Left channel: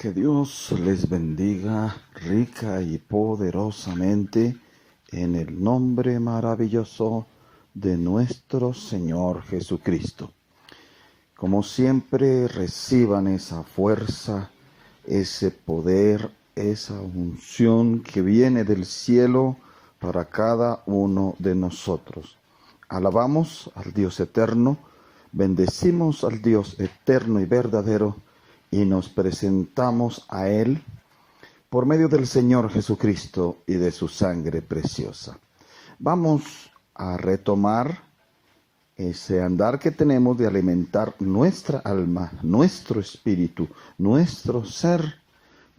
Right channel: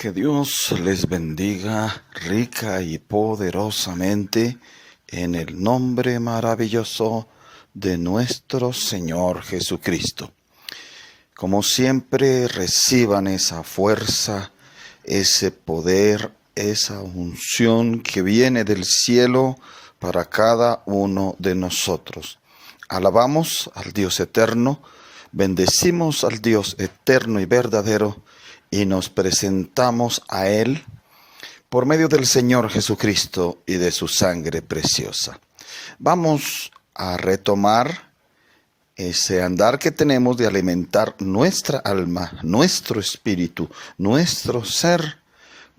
Que Dios les bendiga rica y poderosamente en el nombre maravilloso de nuestro Señor Jesucristo. Como siempre, reciban esa fuerza, ese poder, esa unción que viene del cielo para cada uno de nosotros. Alabamos al Dios eterno, bendecimos al Dios eterno y verdadero, y nos presentamos a Él por medio del Señor Jesucristo y de su sangre preciosa. Vamos a retomar ese andar que tenemos de alimentar nuestra alma, nuestro espíritu, nuestro ser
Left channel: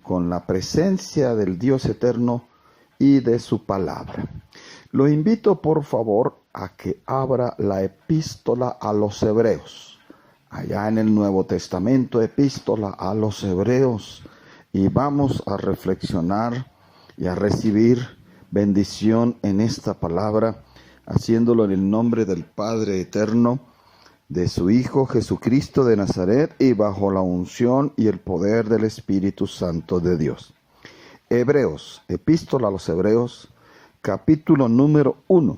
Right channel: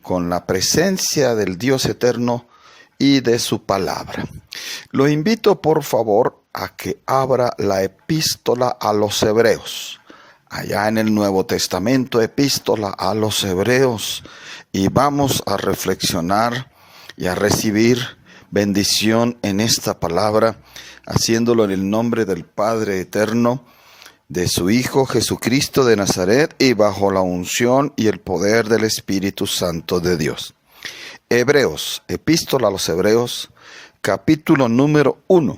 con la presencia del Dios eterno y de su palabra. Lo invito por favor a que abra la epístola a los Hebreos. Allá en el Nuevo Testamento, epístola a los Hebreos, y vamos a reflexionar y a recibir bendición en esta palabra, haciéndolo en el nombre del Padre eterno, de su Hijo Jesucristo de Nazaret, y bajo la unción y el poder del Espíritu Santo de Dios. Hebreos, epístola a los Hebreos, capítulo número 1.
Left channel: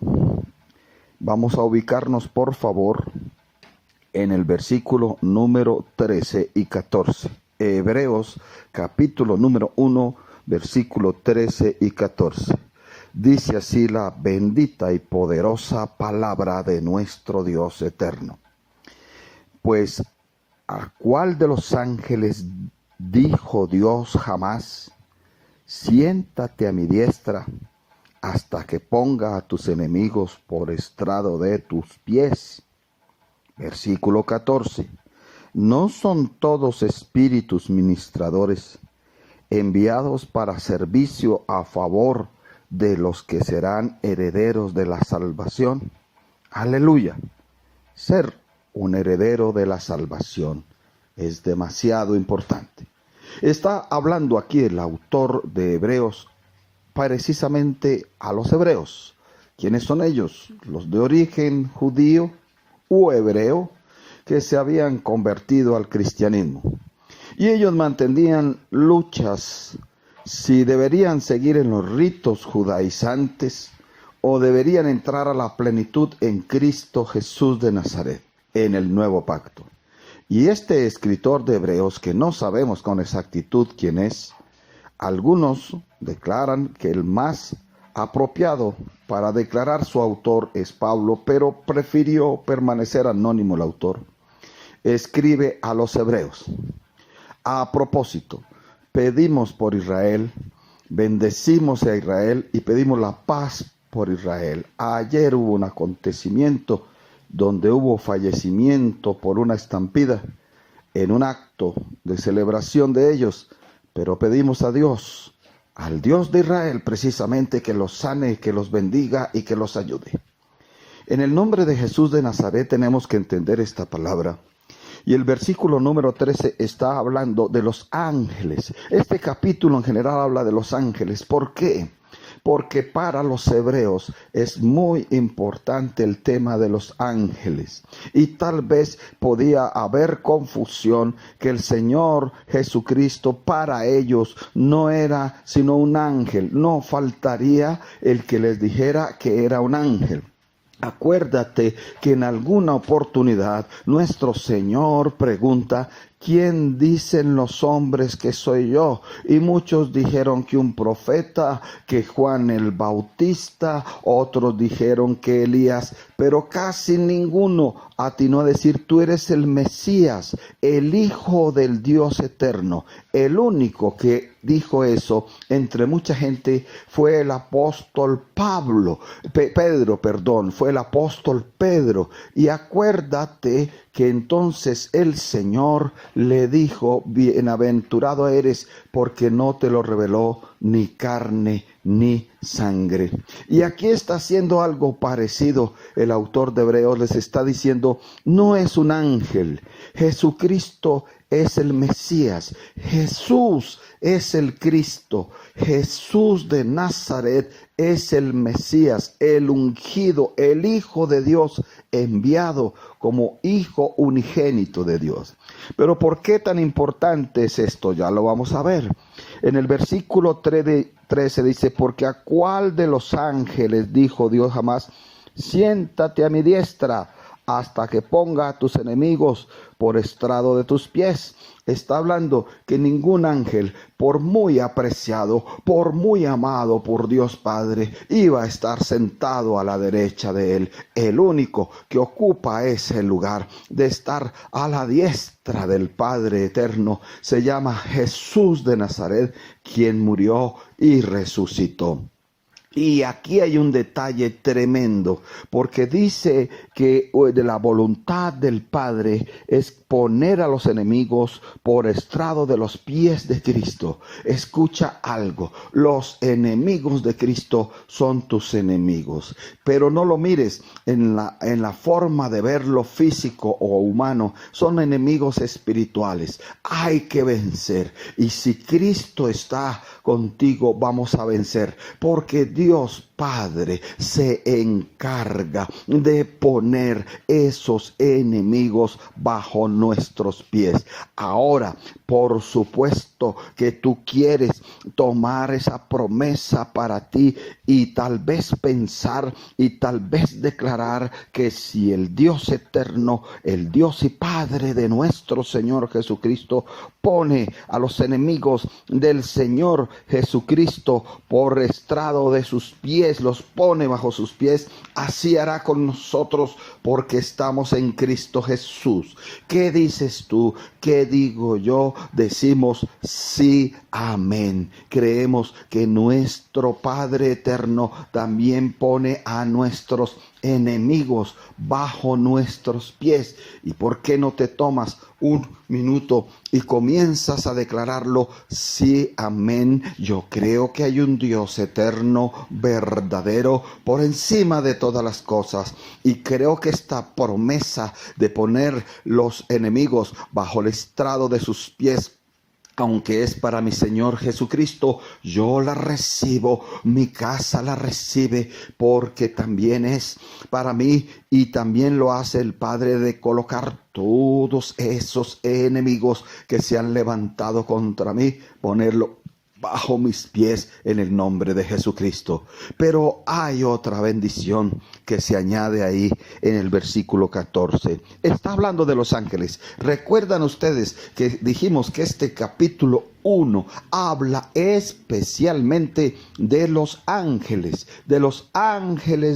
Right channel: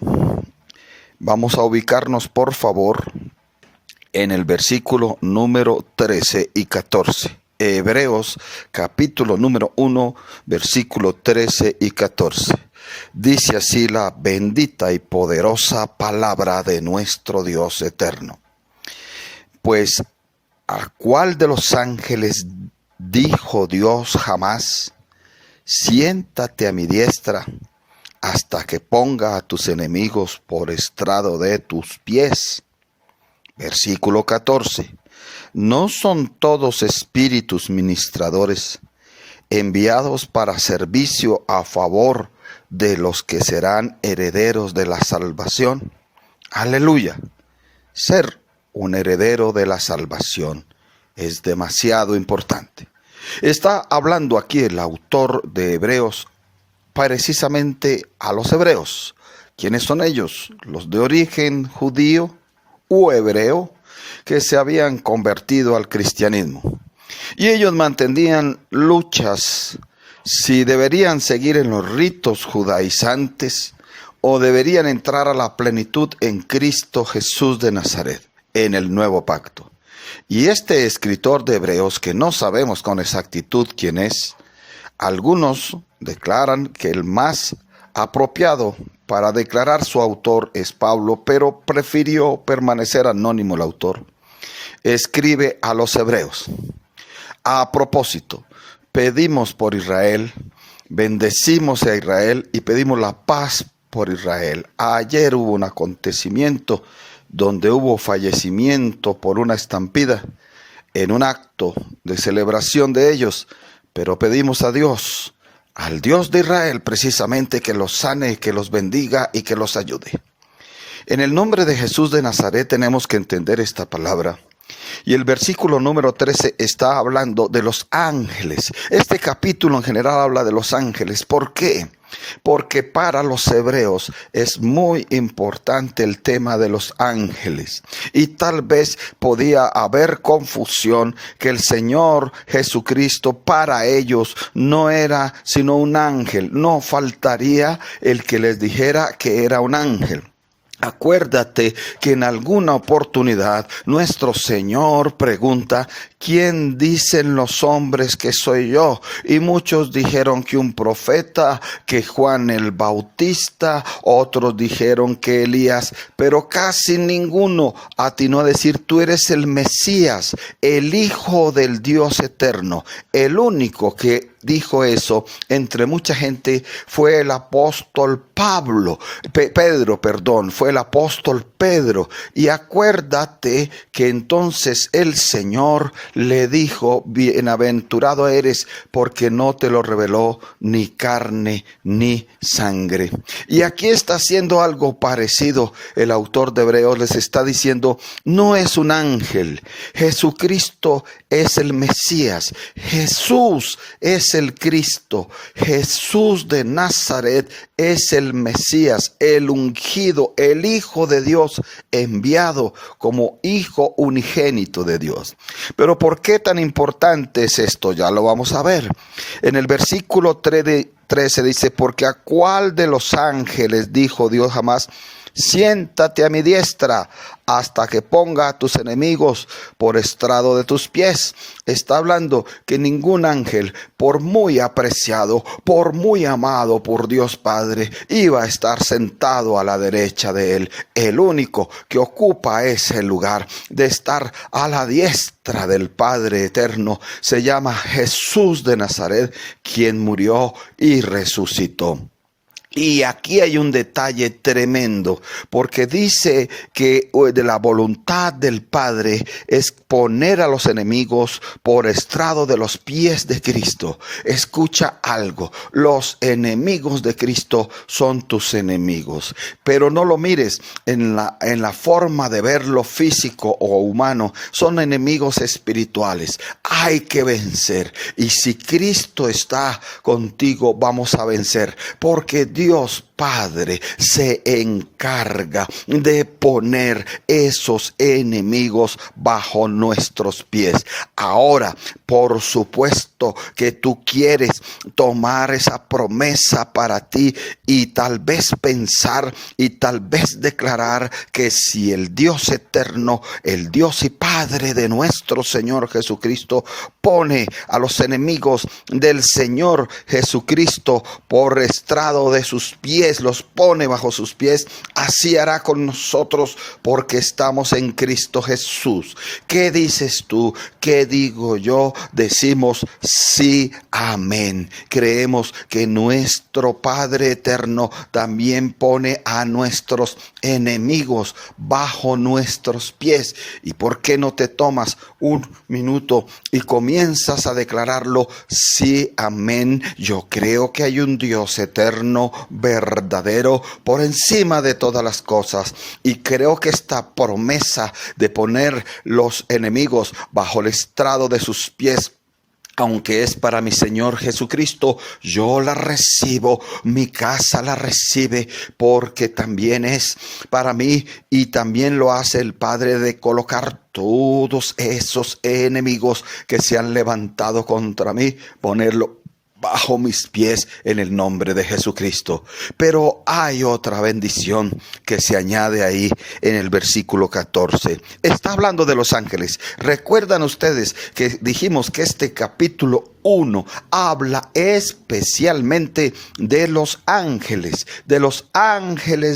Vamos a ubicarnos, por favor, en el versículo número 13 y 14. Hebreos, capítulo número 1, versículo 13 y 14. Dice así la bendita y poderosa palabra de nuestro Dios eterno. Pues, ¿a cuál de los ángeles dijo Dios jamás: siéntate a mi diestra hasta que ponga a tus enemigos por estrado de tus pies? Versículo 14. ¿No son todos espíritus ministradores enviados para servicio a favor de los que serán herederos de la salvación? Aleluya. Ser un heredero de la salvación es demasiado importante. Está hablando aquí el autor de Hebreos precisamente a los hebreos. ¿Quiénes son ellos? Los de origen judío u hebreo que se habían convertido al cristianismo. Y ellos mantenían luchas si deberían seguir en los ritos judaizantes o deberían entrar a la plenitud en Cristo Jesús de Nazaret, en el nuevo pacto. Y este escritor de Hebreos, que no sabemos con exactitud quién es, algunos declaran que el más apropiado para declarar su autor es Pablo, pero prefirió permanecer anónimo el autor. Escribe a los hebreos: a propósito, pedimos por Israel, bendecimos a Israel y pedimos la paz por Israel. Ayer hubo un acontecimiento donde hubo fallecimiento por una estampida en un acto de celebración de ellos, pero pedimos a Dios, al Dios de Israel, precisamente, que los sane, que los bendiga y que los ayude. En el nombre de Jesús de Nazaret tenemos que entender esta palabra. Y el versículo número 13 está hablando de los ángeles. Este capítulo en general habla de los ángeles. ¿Por qué? Porque para los hebreos es muy importante el tema de los ángeles. Y tal vez podía haber confusión que el Señor Jesucristo para ellos no era sino un ángel. No faltaría el que les dijera que era un ángel. Acuérdate que en alguna oportunidad nuestro Señor pregunta: ¿quién dicen los hombres que soy yo? Y muchos dijeron que un profeta, que Juan el Bautista, otros dijeron que Elías, pero casi ninguno atinó a decir: tú eres el Mesías, el Hijo del Dios eterno. El único que dijo eso entre mucha gente fue el apóstol Pedro, fue el apóstol Pedro. Y acuérdate que entonces el Señor le dijo: bienaventurado eres porque no te lo reveló ni carne ni sangre. Y aquí está haciendo algo parecido. El autor de Hebreos les está diciendo: no es un ángel, Jesucristo es el Mesías, Jesús es es el Cristo. Jesús de Nazaret es el Mesías, el ungido, el Hijo de Dios, enviado como Hijo unigénito de Dios. Pero ¿por qué tan importante es esto? Ya lo vamos a ver. En el versículo 13 dice: porque a cuál de los ángeles dijo Dios jamás: siéntate a mi diestra hasta que ponga a tus enemigos por estrado de tus pies. Está hablando que ningún ángel, por muy apreciado, por muy amado por Dios Padre, iba a estar sentado a la derecha de él. El único que ocupa ese lugar de estar a la diestra del Padre eterno se llama Jesús de Nazaret, quien murió y resucitó. Y aquí hay un detalle tremendo, porque dice que de la voluntad del Padre es poner a los enemigos por estrado de los pies de Cristo. Escucha algo: los enemigos de Cristo son tus enemigos, pero no lo mires en la forma de verlo físico o humano. Son enemigos espirituales. Hay que vencer, y si Cristo está contigo, vamos a vencer, porque Dios Padre se encarga de poner esos enemigos bajo nuestros pies. Ahora, por supuesto que tú quieres tomar esa promesa para ti y tal vez pensar y tal vez declarar que si el Dios eterno, el Dios y Padre de nuestro Señor Jesucristo, pone a los enemigos del Señor Jesucristo por estrado de sus pies, los pone bajo sus pies, así hará con nosotros, porque estamos en Cristo Jesús. ¿Qué dices tú? ¿Qué digo yo? Decimos sí, amén. Creemos que nuestro Padre eterno también pone a nuestros enemigos bajo nuestros pies. ¿Y por qué no te tomas un minuto y comienzas a declararlo? Sí, amén. Yo creo que hay un Dios eterno, verdadero, por encima de todas las cosas, y creo que esta promesa de poner los enemigos bajo el estrado de sus pies, aunque es para mi Señor Jesucristo, yo la recibo, mi casa la recibe, porque también es para mí, y también lo hace el Padre, de colocar todos esos enemigos que se han levantado contra mí, ponerlo bajo mis pies en el nombre de Jesucristo. Pero hay otra bendición que se añade ahí en el versículo 14. Está hablando de los ángeles. Recuerdan ustedes que dijimos que este capítulo 1 habla especialmente de los ángeles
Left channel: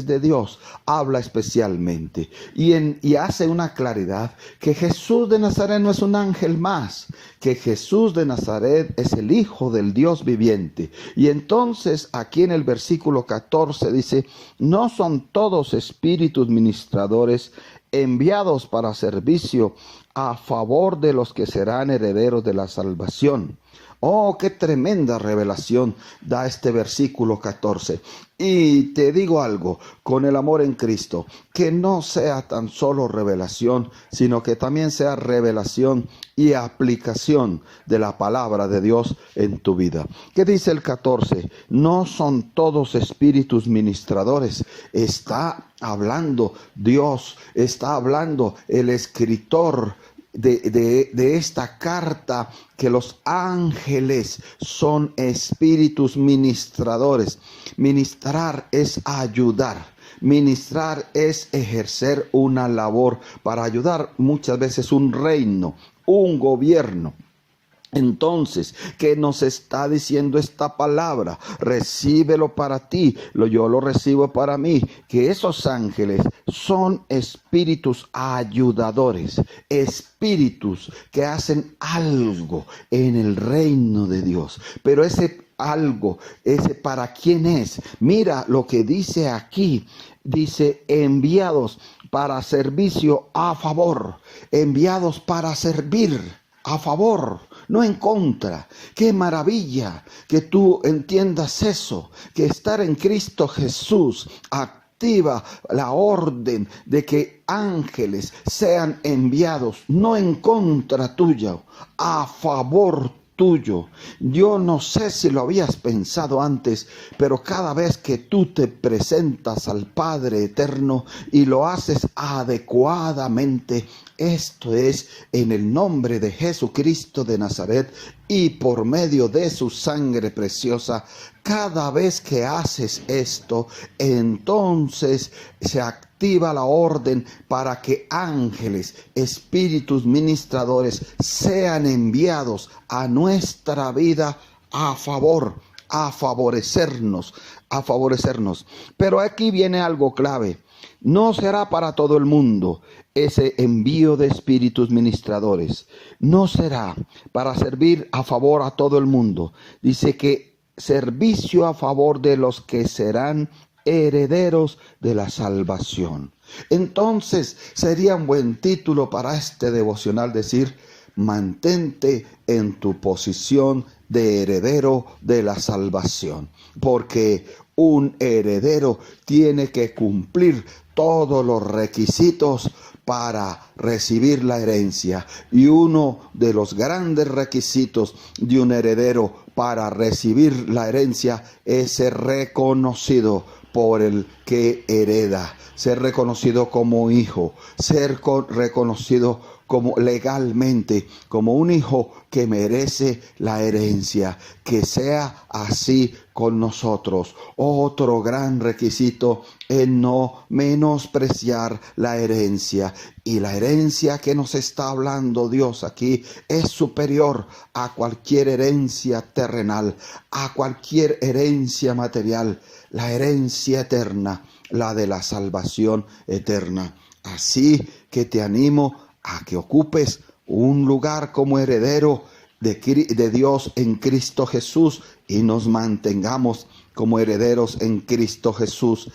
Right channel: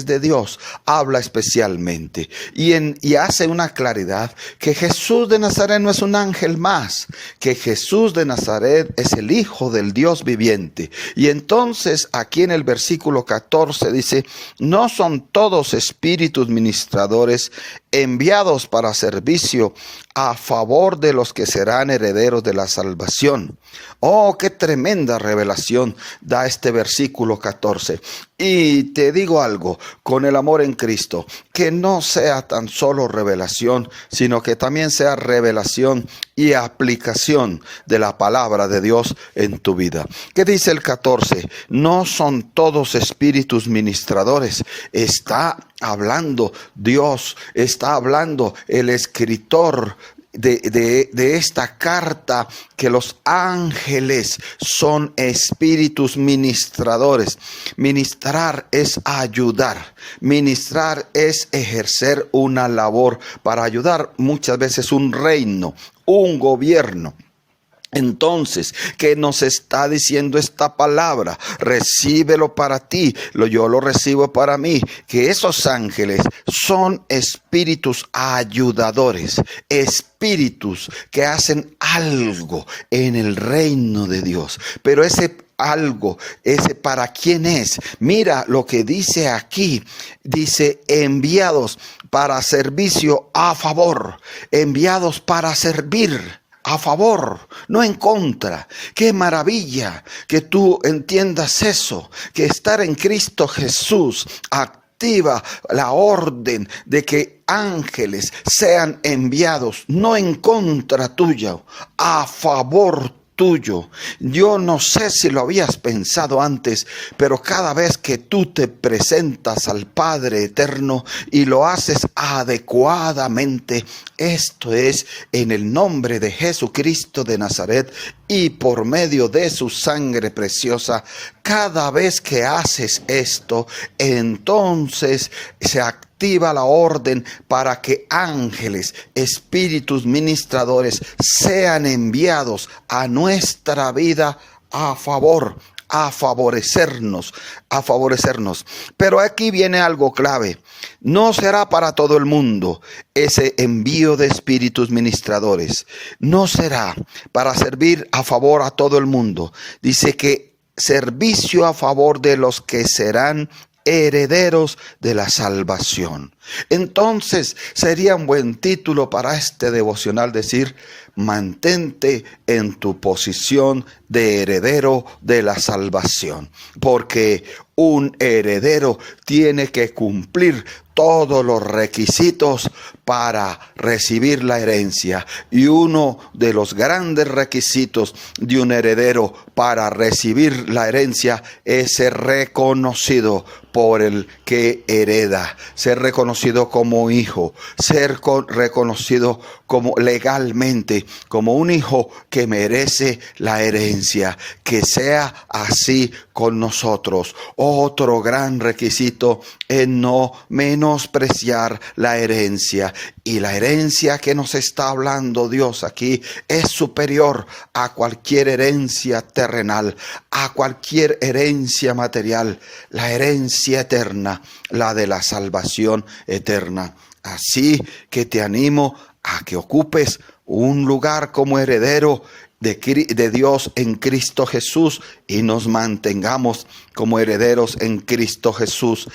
de Dios, habla especialmente, y hace una claridad que Jesús de Nazaret no es un ángel más, que Jesús de Nazaret es el Hijo del Dios viviente. Y entonces aquí en el versículo 14 dice: no son todos espíritus ministradores enviados para servicio a favor de los que serán herederos de la salvación. Oh, qué tremenda revelación da este versículo 14. Y te digo algo, con el amor en Cristo, que no sea tan solo revelación, sino que también sea revelación y aplicación de la palabra de Dios en tu vida. ¿Qué dice el 14? No son todos espíritus ministradores. Está hablando Dios, está hablando el escritor de esta carta, que los ángeles son espíritus ministradores. Ministrar es ayudar. Ministrar es ejercer una labor para ayudar muchas veces un reino, un gobierno. Entonces, ¿qué nos está diciendo esta palabra? Recíbelo para ti, yo lo recibo para mí, que esos ángeles son espíritus ayudadores, espíritus que hacen algo en el reino de Dios. Pero ese algo, ese ¿para quién es? Mira lo que dice aquí, dice enviados para servicio a favor, enviados para servir. A favor, no en contra. Qué maravilla que tú entiendas eso, que estar en Cristo Jesús activa la orden de que ángeles sean enviados, no en contra tuya, a favor tuyo. Yo no sé si lo habías pensado antes, pero cada vez que tú te presentas al Padre eterno y lo haces adecuadamente, esto es en el nombre de Jesucristo de Nazaret y por medio de su sangre preciosa, cada vez que haces esto, entonces se activa la orden para que ángeles, espíritus ministradores sean enviados a nuestra vida a favorecernos. Pero aquí viene algo clave. No será para todo el mundo ese envío de espíritus ministradores. No será para servir a favor a todo el mundo. Dice que servicio a favor de los que serán herederos de la salvación. Entonces sería un buen título para este devocional decir: mantente en tu posición de heredero de la salvación, porque un heredero tiene que cumplir todos los requisitos para recibir la herencia. Y uno de los grandes requisitos de un heredero para recibir la herencia es ser reconocido por el que hereda, ser reconocido como hijo, ser reconocido como legalmente, como un hijo que merece la herencia. Que sea así con nosotros. Otro gran requisito es no menospreciar la herencia. Y la herencia que nos está hablando Dios aquí es superior a cualquier herencia terrenal, a cualquier herencia material. La herencia eterna, la de la salvación eterna. Así que te animo a que ocupes un lugar como heredero de Dios en Cristo Jesús y nos mantengamos como herederos en Cristo Jesús,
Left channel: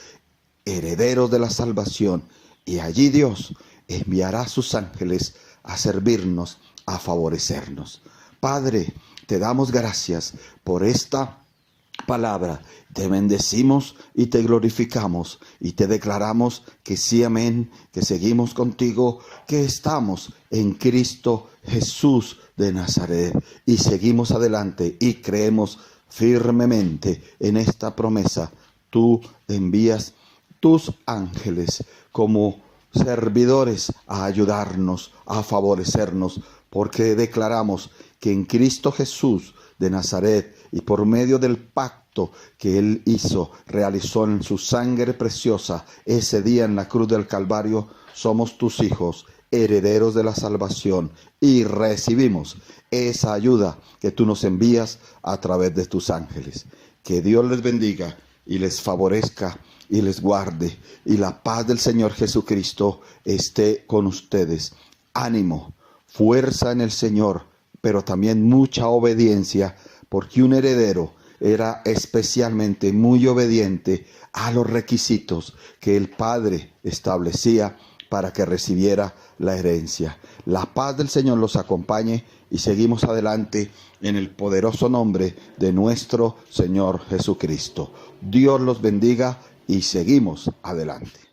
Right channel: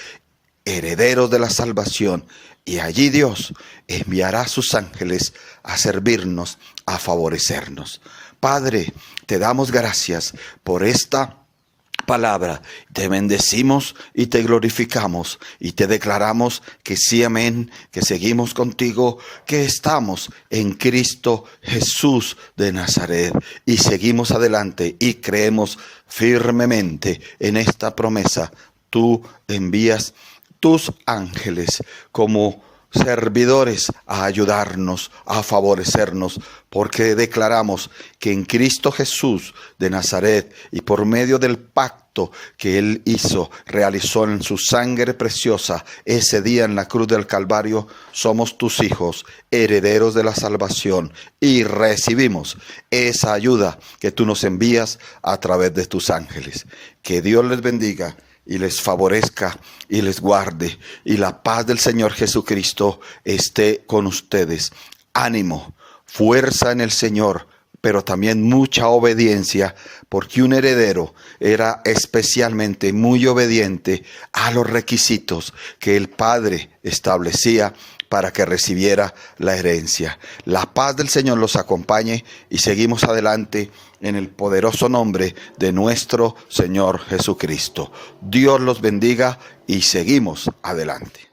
herederos de la salvación. Y allí Dios enviará a sus ángeles a servirnos, a favorecernos. Padre, te damos gracias por esta palabra. Te bendecimos y te glorificamos y te declaramos que sí, amén, que seguimos contigo, que estamos en Cristo Jesús de Nazaret y seguimos adelante y creemos firmemente en esta promesa. Tú envías tus ángeles como servidores a ayudarnos, a favorecernos, porque declaramos que en Cristo Jesús de Nazaret y por medio del pacto que Él realizó en su sangre preciosa ese día en la cruz del Calvario, somos tus hijos, herederos de la salvación y recibimos esa ayuda que tú nos envías a través de tus ángeles. Que Dios les bendiga y les favorezca y les guarde, y la paz del Señor Jesucristo esté con ustedes. Ánimo, fuerza en el Señor, pero también mucha obediencia, porque un heredero era especialmente muy obediente a los requisitos que el Padre establecía para que recibiera la herencia. La paz del Señor los acompañe y seguimos adelante en el poderoso nombre de nuestro Señor Jesucristo. Dios los bendiga y seguimos adelante.